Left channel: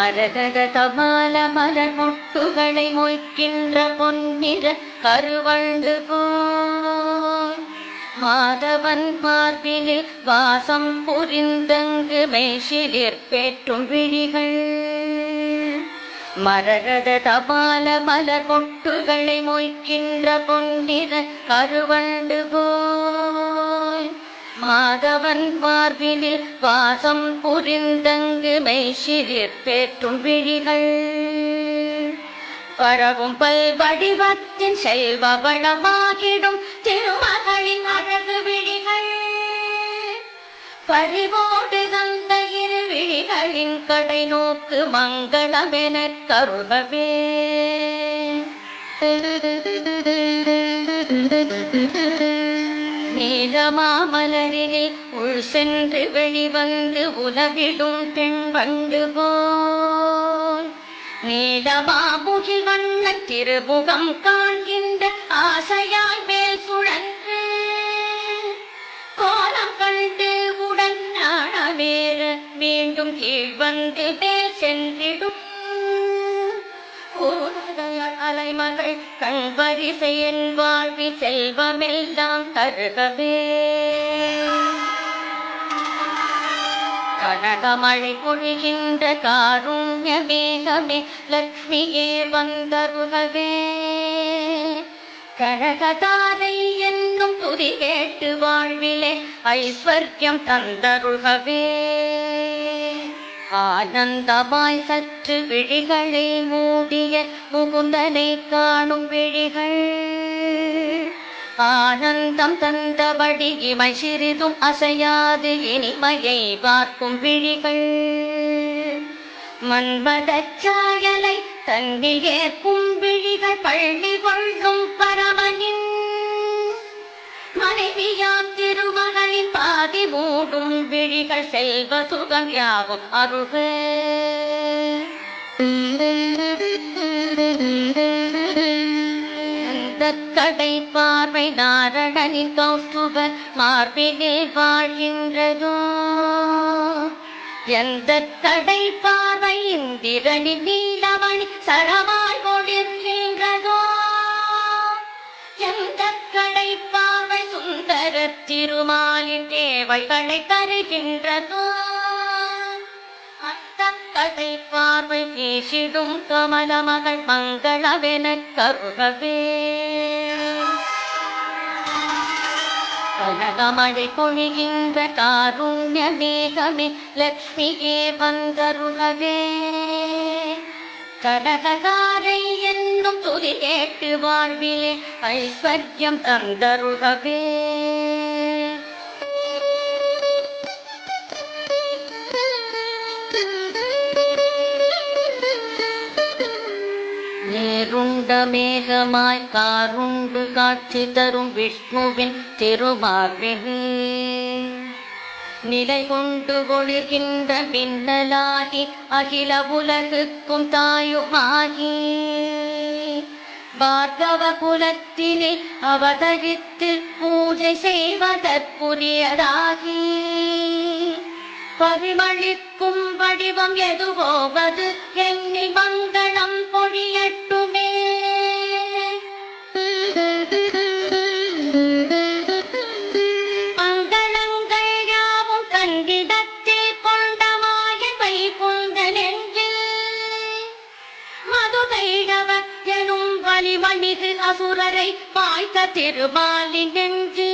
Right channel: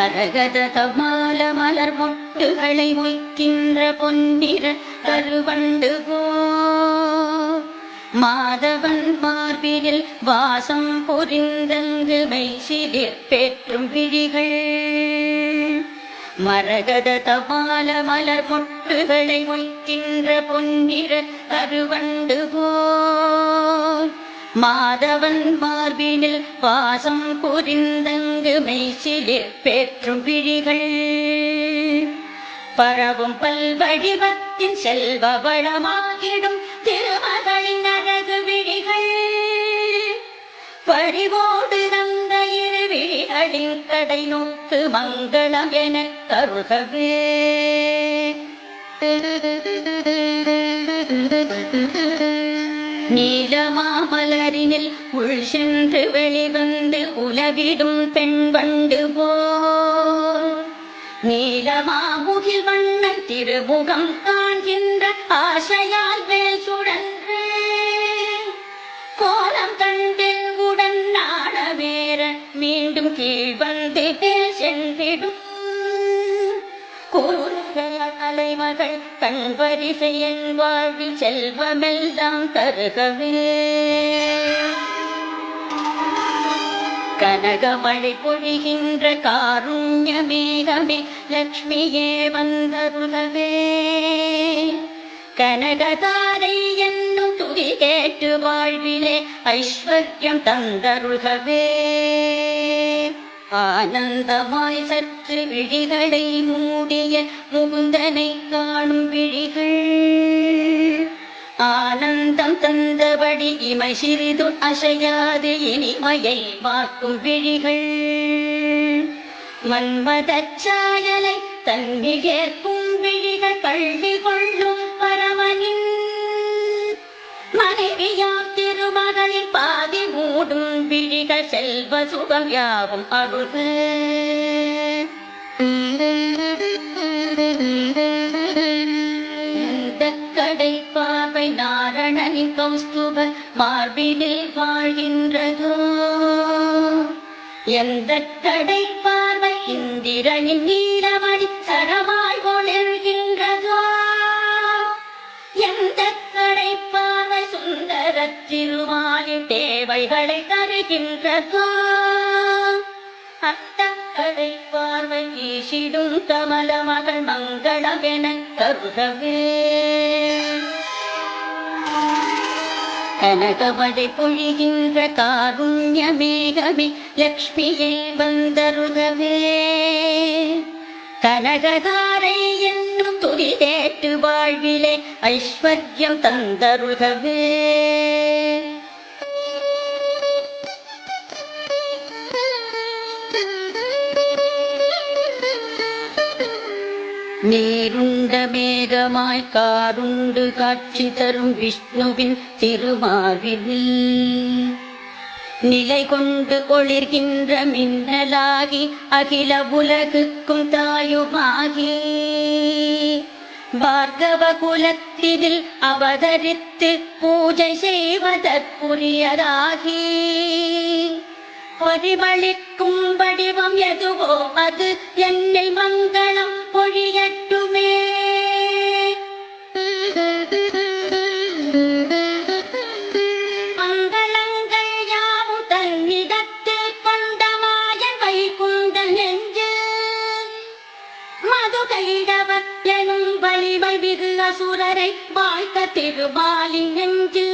மரகத தபால மலர் மொட்டுகளை மொய்க்கின்ற பொன்னிற கருவண்டு போல் மாதவன் மார்பினில் வாசம் புரிந்தங்கு மெய்சிலிர் பேற்றும் விழிகள். மரகத தபால மலர் மொட்டுகளை மொய்க்கின்ற பொன்னிற கருவண்டு போல் மாதவன் மார்பினில் வாசம் புரிந்தங்கு மெய்சிலிர் பேற்றும் விழிகள். பரவும் பல்வடிவத்தின் செல்வ வளமாகிடும் திருமகளின் அழகு விழிகள். பறிவோடு தந்த இரு விழிகளின் கடை நோக்கு மங்களமென கருகவே. நீலமாமலரினில் உள் சென்று வெளிவந்து உலகிடும் பெண் வண்டு போல் நீலமாமுகில் வண்ணன் திருமுகம் காண்கின்ற ஆசையால் மேல் சுழன்று கோலம் கண்டு உடன் நாணமேற மீண்டும் கீழ் வந்து மேல் சென்றிடும் அலைமகள் கண் வரிசை என் வாழ்வில் செல்வமெல்லாம் கருகவே. கனகமழை பொழிகின்ற காருண்ய மேகமே லட்சுமியே வந்தருகவே. கனகதாரை என்னும் துதி கேட்டு வாழ்விலே ஐஸ்வர்யம் தந்தருகவே. ஆனந்தமாய் சற்று விழிகளை மூடிய முகுந்தனை காணும் விழிகள். ஆனந்தம் தந்தபடி இமை சிறிதும் அசையாது இனிமையை பார்க்கும் விழிகள். மன்மதச் சாயலை தன்னில் ஏற்கும் விழிகள். பள்ளி கொள்ளும் பரமனின் மனைவியாம் திருமகளின் பாதி மூடும் விழிகள். செல்வ சுகம் யாவும் அருள்க. எந்த கடை பார்வை நாரணனின் கௌஸ்துப மார்பினில் வாழ்கின்றதோ. எந்த கடை பார்வை இந்திரனின் நீலமணி சரமாய் ஒளிர்கின்றதோ. எந்த கடை பார்வை சுந்தர திருமாலின் தேவைகளை தருகின்றதோ. அந்த கடை பார்வை வீசிடும் கமல மகள் மங்களமென கருகவே. கனகமழை பொழிகின்ற காருண்ய மேகமே லட்சுமியே வந்தருகவே. கனகதாரை என்னும் துதி கேட்டு வாழ்விலே ஐஸ்வர்யம் தந்தருகவே. நீருண்ட மேகமாய் காருண்டு காட்சி தரும் விஷ்ணுவின் திருமார்பில் நிலை கொண்டு ஒளிர்கின்ற மின்னலாகி அகில உலகுக்கும் தாயுமாகி பார்கவ குலத்தினில் அவதரித்து பூஜை செய்வதற்குரியதாகி பரிமளிக்கும் வடிவம் எதுவோ அது என்னில் மங்களம் பொழியட்டுமே. மங்களங்கள் யாவும் தன்னிடத்தில் கொண்ட மாயவை கொண்ட நெஞ்சில் மதுகைடவ எனும் வலிமை மிகு அசுரரை வாய்க்க திருமாலின் நெஞ்சில்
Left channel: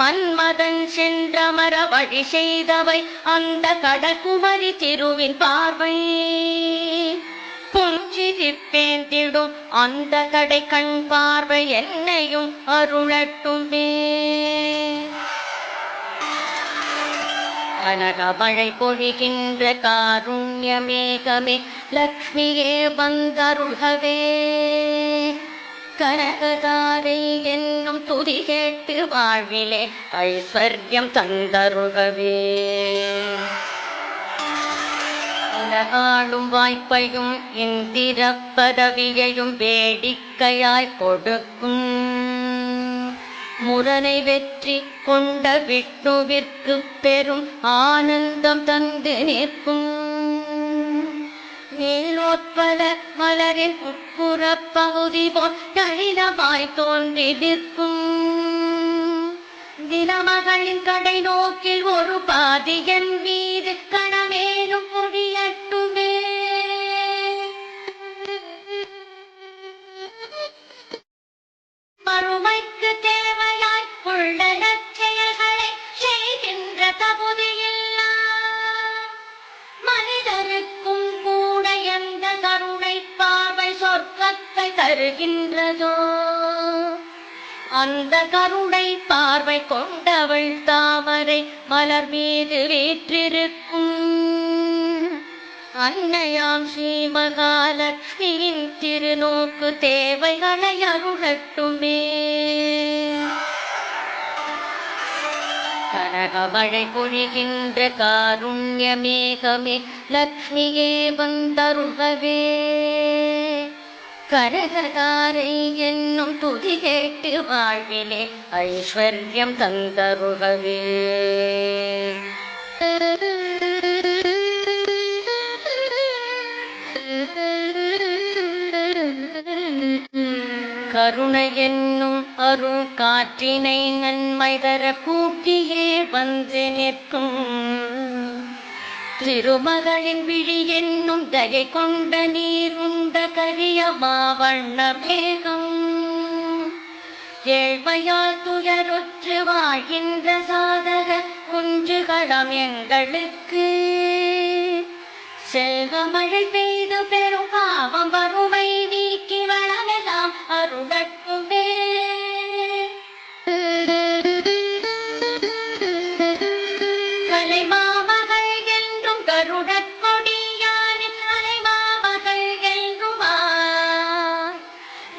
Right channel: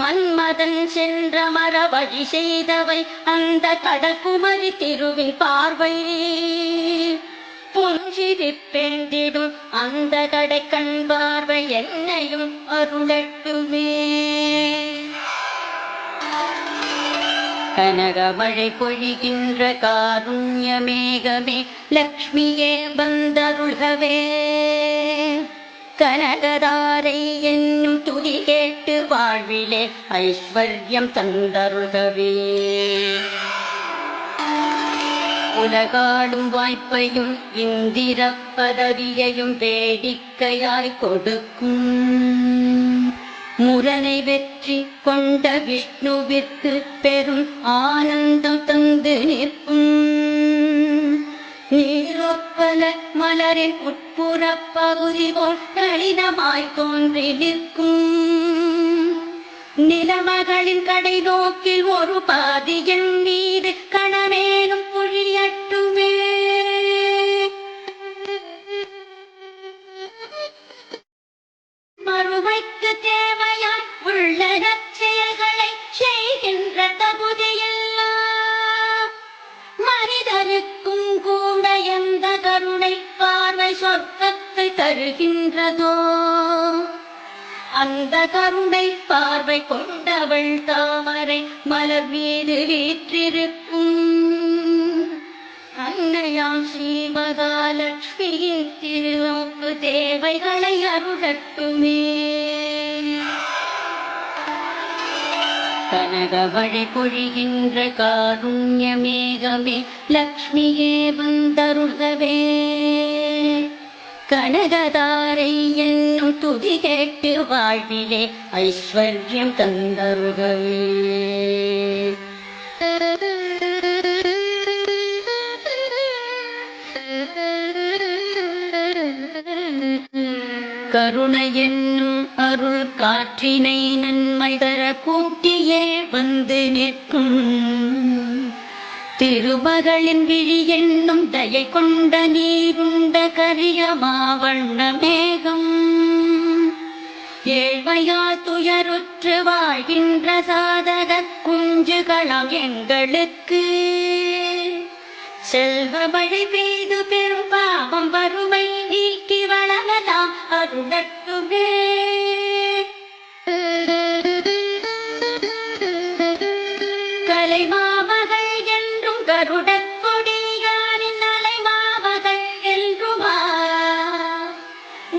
மன்மதன் சென்றமர வழி செய்தவை அந்த கடற்குமரி திருவின் பார்வை. புஞ்சிரிப்பேந்திடும் அந்த கடை கண் பார்வை என்னையும் அருளட்டுமே. கனகமழை பொழிகின்ற காருண்ய மேகமே லட்சுமியே வந்தருள்கவே. கனகதாரை என்னும் துதி கேட்டு வாழ்விலே ஐஸ்வர்யம் தந்தருகவே. உலகாடும் வாய்ப்பையும் இந்திர பதவியையும் வேடிக்கையாய் கொடுக்கும் முரணை வெற்றி கொண்ட விஷ்ணுவிற்கு பெரும் ஆனந்தம் தந்து நிற்கும். நீலொப்பல மலரின் உட்புறப் பகுதி போல் கடினமாய் தோன்றி நிற்கும் நிலமகளின் கடை நோக்கில் ஒரு பாதியன் மீது கணமேனும் பொழியட்டுமே. மறுமைக்கு தேவையாய் உள்ளடச் செயல்களை செய்கின்ற தகுதியெல்லாம் மனிதருக்கும் கூட எந்த கருணை பார்வை சொர்க்கத்தை தருகின்றதோ அந்த கருணை பார்வை கொண்டவள் தாமரை மலர் மீது வீற்றிருக்கும் அன்னையாம் ஸ்ரீ மகாலட்சுமியின் திருநோக்கு தேவைகளை அருளட்டுமே. கனகமழை பொழிகின்ற காருண்ய மேகமே லக்ஷ்மியே வந்தருள்கவே. கனகதாரை என்னும் துதி கேட்டு வாழ்விலே ஐஸ்வர்யம் தந்தருள்கவே. கருணை என்னும் அருள் காற்றினை நன்மை தர கூட்டியே வந்து நிற்கும் திருமகளின் விழி என்னும் தயை கொண்ட நீருண்ட கரிய மாவண்ண மேகம் ஏழ்மையா துயருற்று வாழ்கின்ற சாதக குஞ்சுகளம் எங்களுக்கு செல்வமழை பெய்து பெரும் பாவம் வறுமை நீக்கி வளரலாம் அருளட்டுமே. கலை மாமகள் என்றும் கருடக் கொடியானின் அலை மாமகள் என்றுமா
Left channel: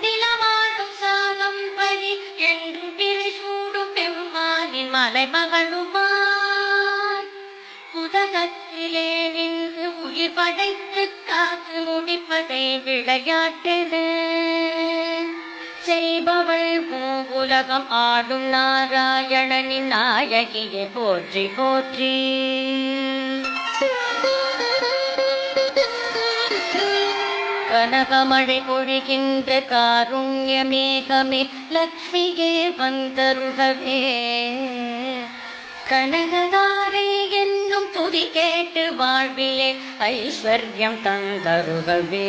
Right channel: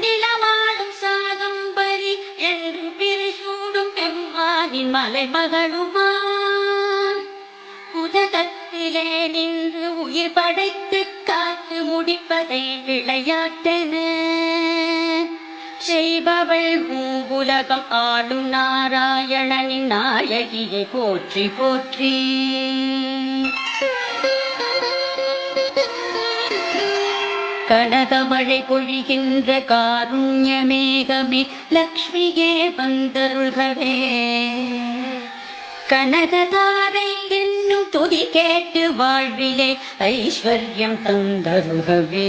நிலமாடும் சாகம்பரி என்று பிரிசூடும் பெருமானின் மலைமகளுமா உதகத்திலே நின்று உயிர் படைத்து காத்து முடிப்பதை விளையாட்டென செய்பவள் பூவுலகம் ஆளும் நாராயணனின் நாயகியை போற்றி போற்றி. கனகமழை பொழிகின்ற காருண்ய மேகமே லக்ஷ்மியே வந்தருள்கவே. கனகதாரை என்னும் துதி கேட்டு வாழ்விலே ஐஸ்வர்யம் தந்தருள்கவே.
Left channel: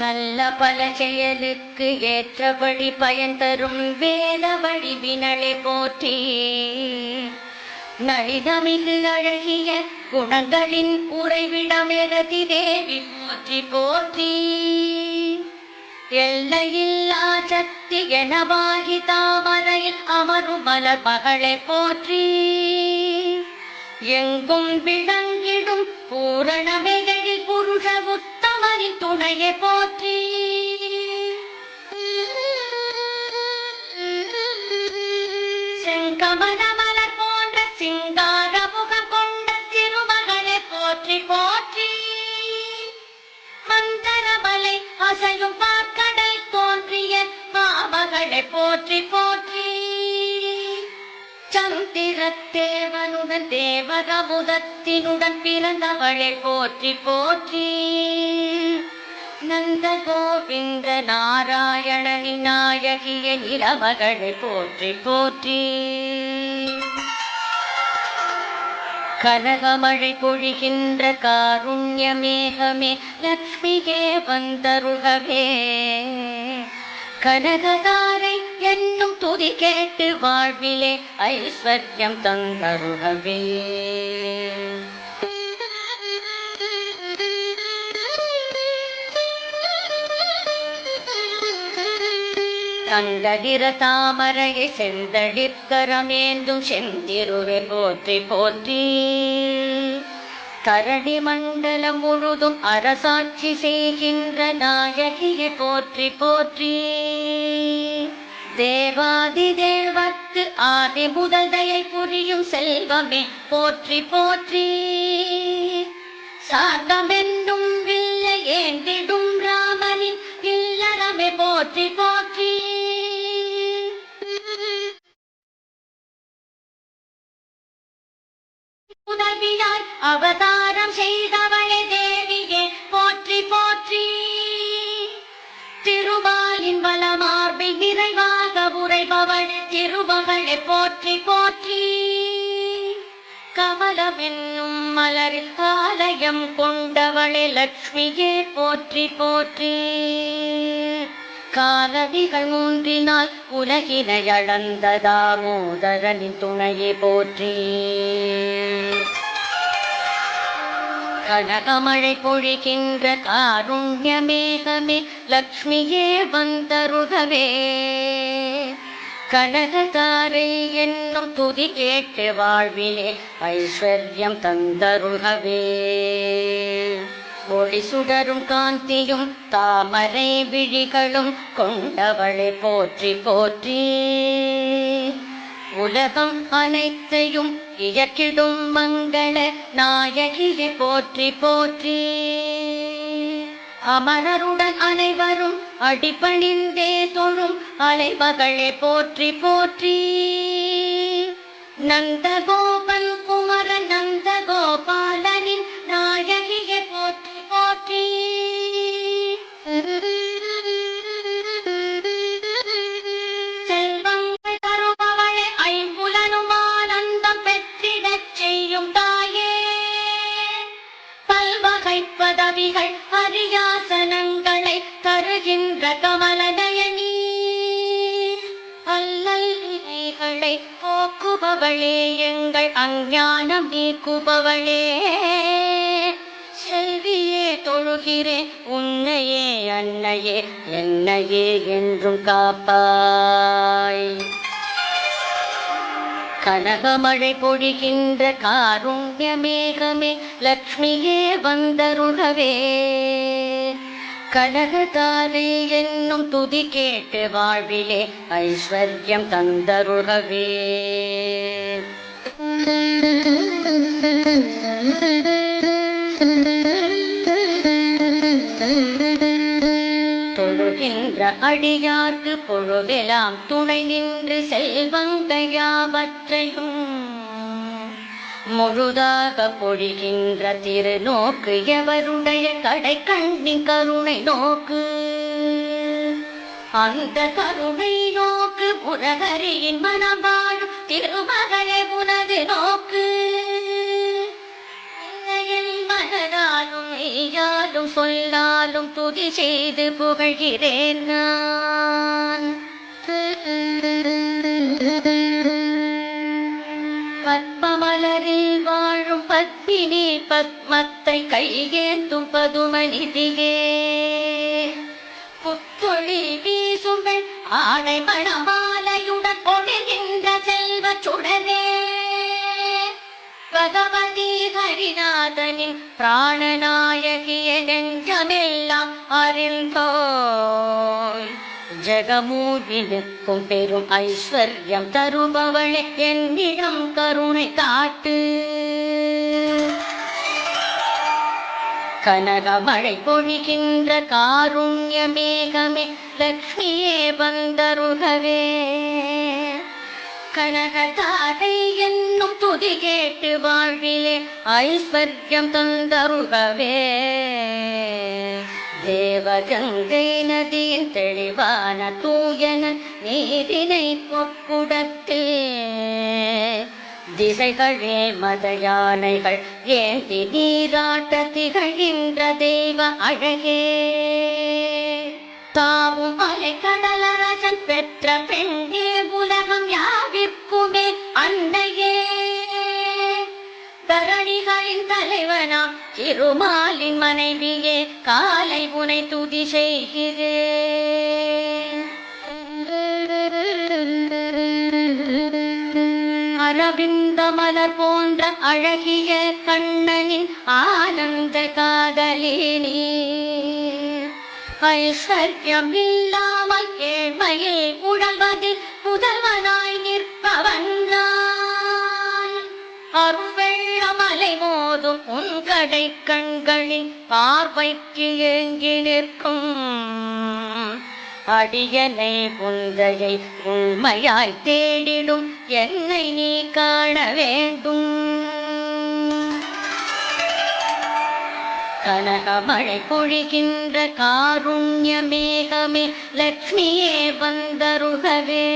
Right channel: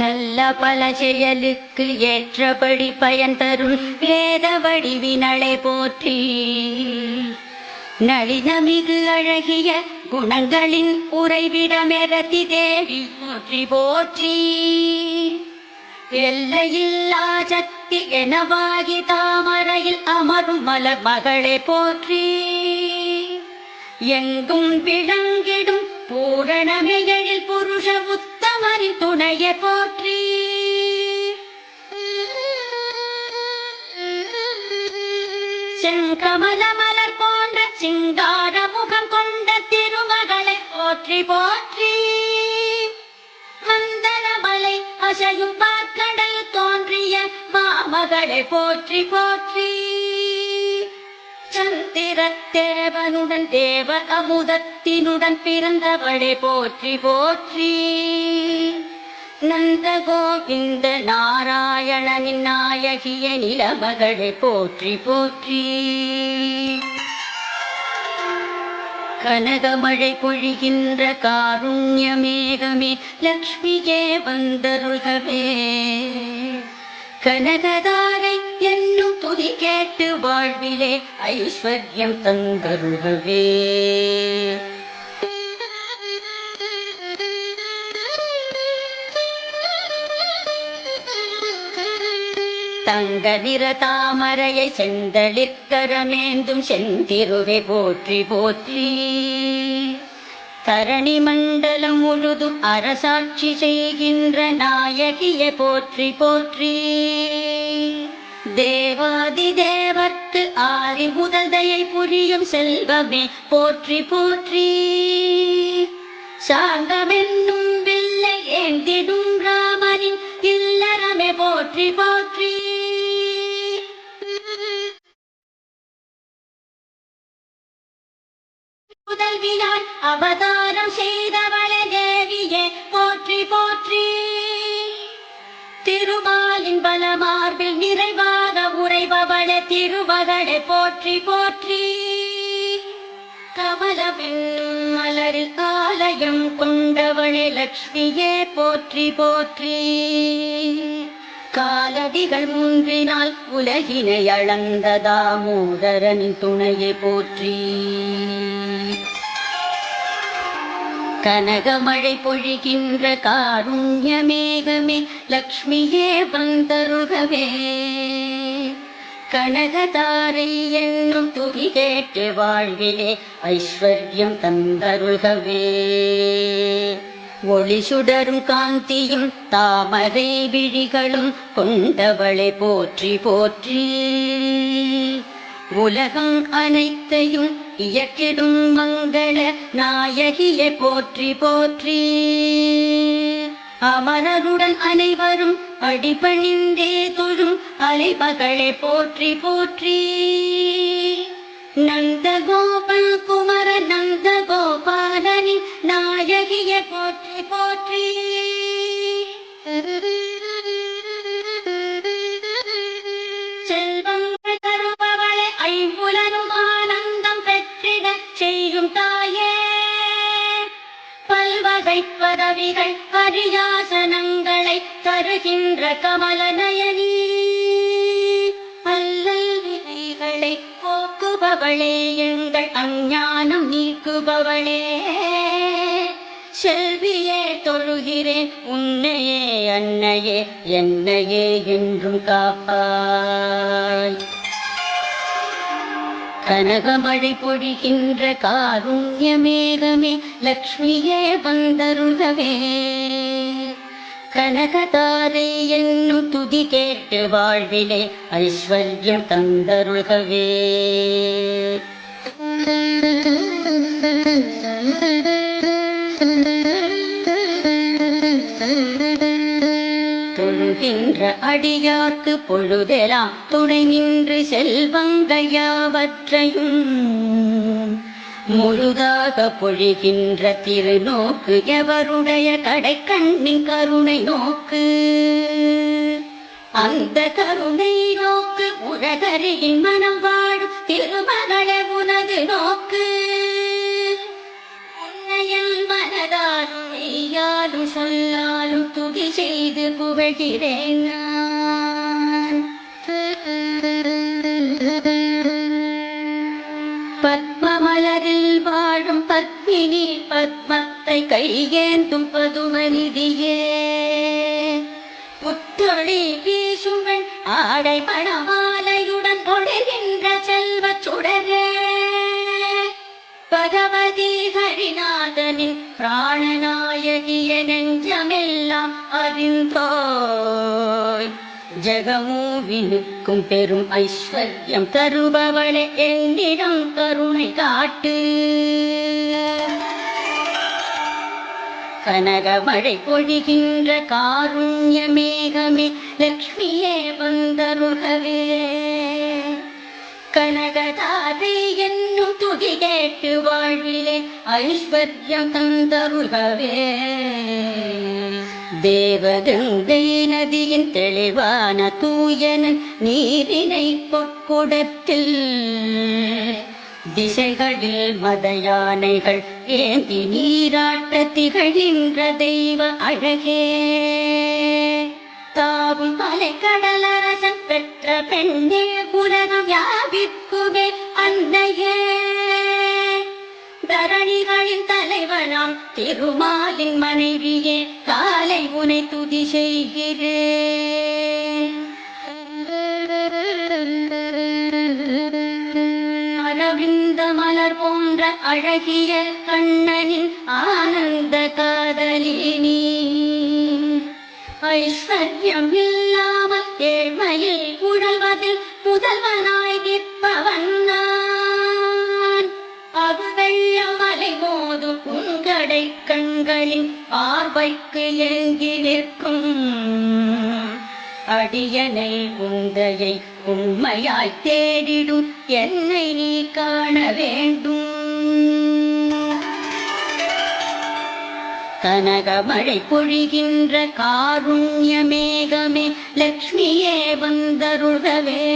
நல்ல பல செயலுக்கு ஏற்றபடி பயன் தரும் வேத வடிவினளை போற்றி. நளினமிகு அழகிய குணங்களின் உறைவிடமெரதி தேவி போற்றி போற்றி. எல்லையில்லா சக்தி எனவாகி தாமரையில் அமரும் மலர் மகளே போற்றி. எங்கும் விளங்கிடும் பூரணமைகளில் புருஷ உத்தமரின் துணையை போற்றி. செங்கமல மலர் போன்ற சிங்கார முகம் கொண்ட திருமகளை போற்றி போற்றி. மந்தரமலை அசையும் பார்க்கடல் தோன்றிய மாமகளை போற்றி போற்றி. சந்திரத்தேவனுடன் தேவகமுதத்தினுடன் பிறந்தவளை போற்றி போற்றி. நந்த கோவிந்த நாராயணனின் நாயகிய நிலமகளை போற்றி போற்றி. கனகமழை பொழிகின்ற காருண்ய மேகமே லக்ஷ்மியே வந்தருள்கவே. கனகதாரை என்னும் துதி கேட்டு வாழ்விலே ஐஸ்வர்யம் தந்தருள்கவே. தங்கதிர தாமரையை செந்தளித்தரமேந்தும் செந்திருவை போற்றி போற்றி. தரணி மண்டலம் முழுதும் அரசாட்சி செய்கின்ற நாயகியை போற்றி போற்றி. தேவாதி தேவர்க்கு ஆதி முதல் தயை புரியும் செல்வமே போற்றி போற்றி. சாங்கமென்னும் வில்லை ஏந்திடும் ராமனின் இல்லறமே போற்றி போற்றி. முதல் வினா மங்கையாய் அவதாரம் செய்தவளே தேவியே போற்றி போற்றி. திருமாலின் பலமார்பில் நிறைவாக உறைபவளே திருமகளே போற்றி போற்றி. கமலமென்னும் மலரில் ஆலயம் கொண்டவளே லக்ஷ்மியே போற்றி போற்றி. காலடிகள் மூன்றினால் உலகினை அளந்த தாமோதரனின் துணையை போற்றி. கனகமழை பொழிகின்ற காருண்ய மேகமே லக்ஷ்மியே வந்தருகவே. கனகதாரை என்னும் துதி கேட்டு வாழ்விலே ஐஸ்வர்யம் தந்தருகவே. ஒளி சுடரும் காந்தியும் தாமரை விழிகளும் கொண்டவளை போற்றி போற்றி. உலகம் அனைத்தையும் இயக்கிடும் மங்கள நாயகியை போற்றி போற்றி. அமரருடன் அனைவரும் அடிபணிந்தே தொழும் அலைமகளே போற்றி போற்றி. நந்தகோபன் குமர நந்தகோபாலனின் நாயகியை போற்றி போற்றி. செல்வங்கள் தருபவளே ஐம்புலனும் ஆனந்தம் பெற்றிடச் செய்யும் தாயே. பல்வகை பதவிகள் பரியாசனங்களை தருகின்ற கமல நயனி. அல்லல் வினைகளை போக்குபவளே எங்கள் அஞ்ஞானம் நீக்குபவளே. செல்வியே தொழுகிறேன் உன்னையே அன்னையே என்னையே என்றும் காப்பாய். கனகமழை பொழிகின்ற காருண்ய மேகமே லக்ஷ்மியே வந்தருகவே. கனகதாரை என்னும் துதி கேட்டு வாழ்விலே ஐஸ்வர்யம் தந்தருகவே. தொழுகின்ற அடியார்க்கு பொழுதெல்லாம் துணை நின்று செல்வங்கள் யாவற்றையும் முழுதாக பொழிகின்ற திருநோக்கு எவருடைய கடை கண்ணின் கருணை நோக்கு. அந்த கருணை நோக்கு உலகரியின் மனம் வாழும் திருமகளே உனது நோக்கு. உன்னையில் மனதாலும் மெய்யாலும் சொல்லாலும் துதி செய்து புகழ்கிறேன் நான். பத்மமலரில் வாழும் பத்மினி பத்மத்தை கையேந்தும் பதுமநிதியே. புத்தொழி வீசுங்கள் ஆடை மணமாலையுடன் ஒழுகின்ற செல்வ சுடரே. பகவதி ஹரிநாதனின் பிராணநாயகிய நெஞ்சமெல்லாம் அறிந்தோய். ஜெகமூவினுக்கும் பெரும் ஐஸ்வர்யம் தருபவளே என்னிடம் கருணை காட்டு. கனகமழை பொழிகின்ற காருண்ய மேகமே லக்ஷ்மியே வந்தருகவே. கனகதாரை என்னும் துதி கேட்டு வாழ்விலே ஐஸ்வர்யம் தந்தருகவே. தேவகங்கை நதியின் தெளிவான தூயன நீரினை பொற்குடத்தில் திசைகளில் மத யானைகள் ஏந்தி நீராட்ட திகழ்கின்ற தெய்வ அழகே. தாவும் மலை கடலரசன் பெற்ற பெண்ணே உலகம் யாவிற்குமே அன்னையே. தரணிகளின் தலைவனாம் திருமாலின் மனைவியே காலை உனை துதி செய்கிறேன். அரவிந்த மலர் போன்ற அழகிய கண்ணனின் ஆனந்த காதலினி. ஐஸ்வர்யம் இல்லாமல் ஏழ்மையில் உழல்வதில் முதல்வனாய் நிற்பவன் நான். அருள் வெள்ளமலை மோதும் உங்கடை கண்களின் பார்வைக்கு ஏங்கி நிற்கும் அடியனை உந்தையை உண்மையாய் தேடிடும் என்னை நீ காண வேண்டும். கனகமழை பொழிகின்ற காருண்ய மேகமே லக்ஷ்மியே வந்தருள்கவே.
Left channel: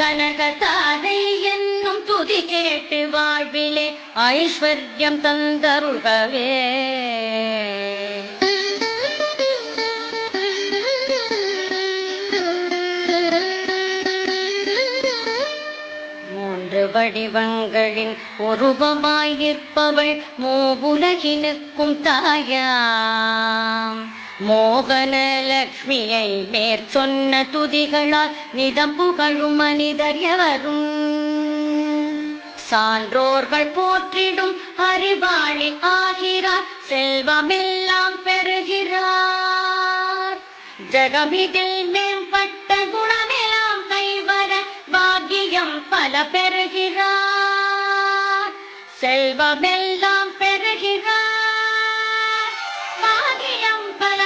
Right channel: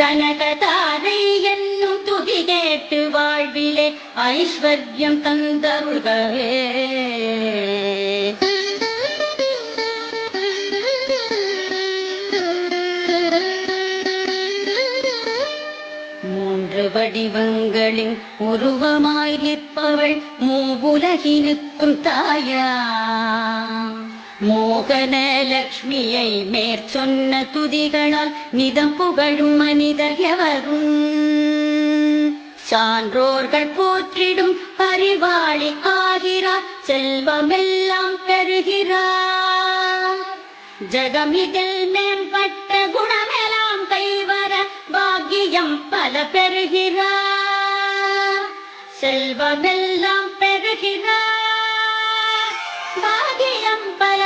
கனகதாரை என்னும் துதி கேட்டு வாழ்விலே ஐஸ்வர்யம் தந்தருள்கவே. மூன்று வடிவங்களின் உருவமாய் நிற்பவள் மூவுலகினுக்கும் தாயாம். மோகன லக்ஷ்மியை மேற்சொன்ன துதிகளால் நிதம் புகழும் மனிதர் எவரும். சான்றோர்கள் போற்றிடும் அறிவாளி ஆகிறார், செல்வமெல்லாம் பெறுகிறார். ஜகமிதில் மேம்பட்ட குணமெல்லாம் கைவர பாக்கியம் பல பெறுகிறார். செல்வமெல்லாம் பெறுகிறார், பாக்கியம் பல